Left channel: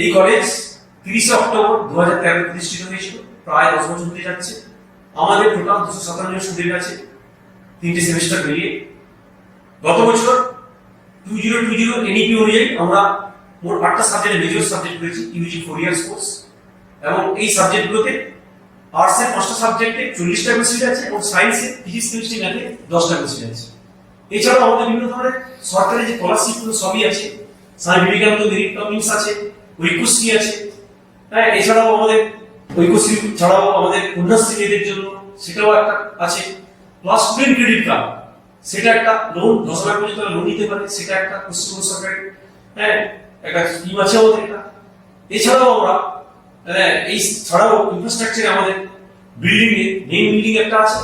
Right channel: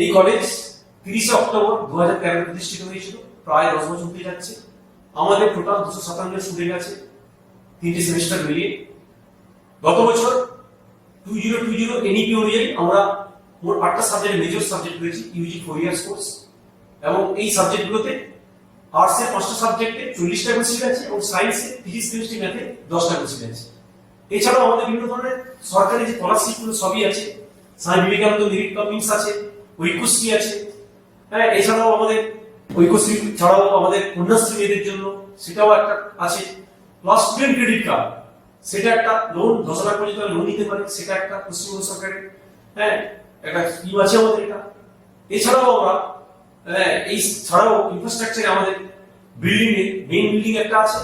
এই college 30 October 2013 প্রতিষ্ঠিত হয়েছিল, প্রায় 10 বছর হতে যাচ্ছে। আমাদের টোটাল 257 জন স্টুডেন্ট আছে, 3টে সেমিস্টার মিলিয়ে। গত বছর 2020 এনইপি অনুযায়ী আমরা মোট 8টা সাবজেক্টে মেজর সাবজেক্ট করেছি, ইউজি 4 ইয়ার্স কোর্স। এবং এই সাবজেক্টগুলোতে আর্টসের 5টা সাবজেক্টে 40টা করে সিট আছে এবং সায়েন্সে ফিজিক্স কেমিস্ট্রি ম্যাথে 10টা করে সিট আছে। এছাড়াও আমাদের বিভিন্ন ধরনের সরকারি যে স্কলারশিপগুলো সবই আছে, স্বামী বিবেকানন্দ মেরিট টপিংস আছে, ঐক্যশ্রী আছে। হ্যাঁ, এছাড়াও আমাদের ঐক্যশ্রী ছাড়াও আমাদের কন্যাশ্রী মেয়েদের জন্য সেটাও একটা আছে। প্লাস স্টুডেন্ট ক্রেডিট কার্ড, সেটা একটা লোন 10,000 পর্যন্ত লোন নিতে পারে, সেটা একটা পশ্চিমবঙ্গ সরকারের একটা স্কিম আছে আমাদের এটা। এছাড়াও আমরা এই ছাড়াও ইনফ্রাস্ট্রাকচারে আমাদের বিল্ডিং এ মেইন বিল্ডিং একটা আছে,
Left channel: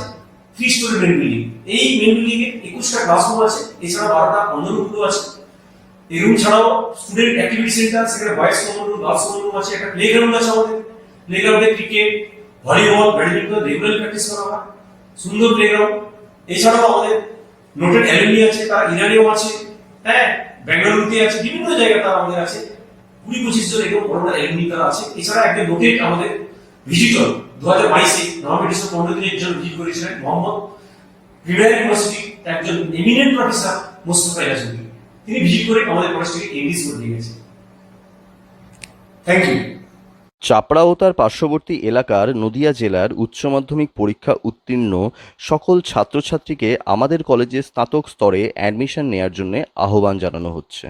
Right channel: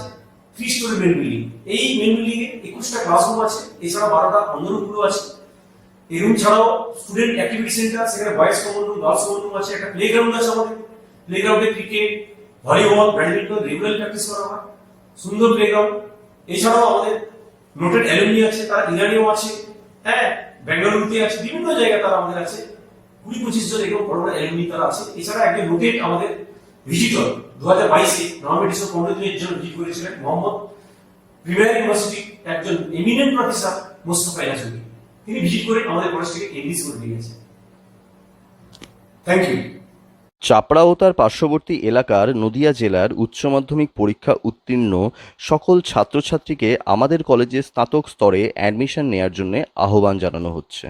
3 স্টোরি মেইন বিল্ডিং। এই মেইন বিল্ডিং এ 21টা ক্লাসরুম আছে, এছাড়া 12টা কমন রুম আছে। এই রুম ছাড়াও স্টুডেন্ট অ্যাক্টিভিটি সেন্টার, সেখানে boys common room, girls common room আছে, একটা প্লেগ্রাউন্ড আছে আমাদের। প্লেগ্রাউন্ডে cricket, volleyball, badminton regular practice করা হয়, সুন্দর প্লেগ্রাউন্ড। এছাড়াও আমাদের নোটেড অ্যালুমনি আছে, তারা ইরানেও আছে, হ্যাঁ, বেঙ্গালুরুতে আছে, বিভিন্ন জায়গায় তারা আমাদের আছে। 20-25 জন এরকম বড় বড় অ্যালুমনি তারা আছে। এছাড়া একজন নোটেড আমাদের ভিজিটর 2022-এ নভেম্বর ডিসেম্বর 15 দিনের জন্য ভিজিট করেছিলেন মোহাম্মদ, প্রিমিয়ার ইউনিভার্সিটি একজন এমিনেন্ট প্রফেসর মোস্তফা ইয়াসুদ্দিন। তিনি ভিজিট করে আমাদের কলেজটিকে এনগেজ করে দিয়ে গেছেন। Thank you. চাপড়া ও তার পার্শ্ববর্তী এলাকার নদিয়া জেলার উচ্চ মাধ্যমিক পরীক্ষা উত্তীর্ণ সকল ছাত্রছাত্রীকে আমাদের কলেজে স্নাতক স্তরে অ্যাডমিশন নেওয়ার জন্য আহ্বান জানানো হচ্ছে।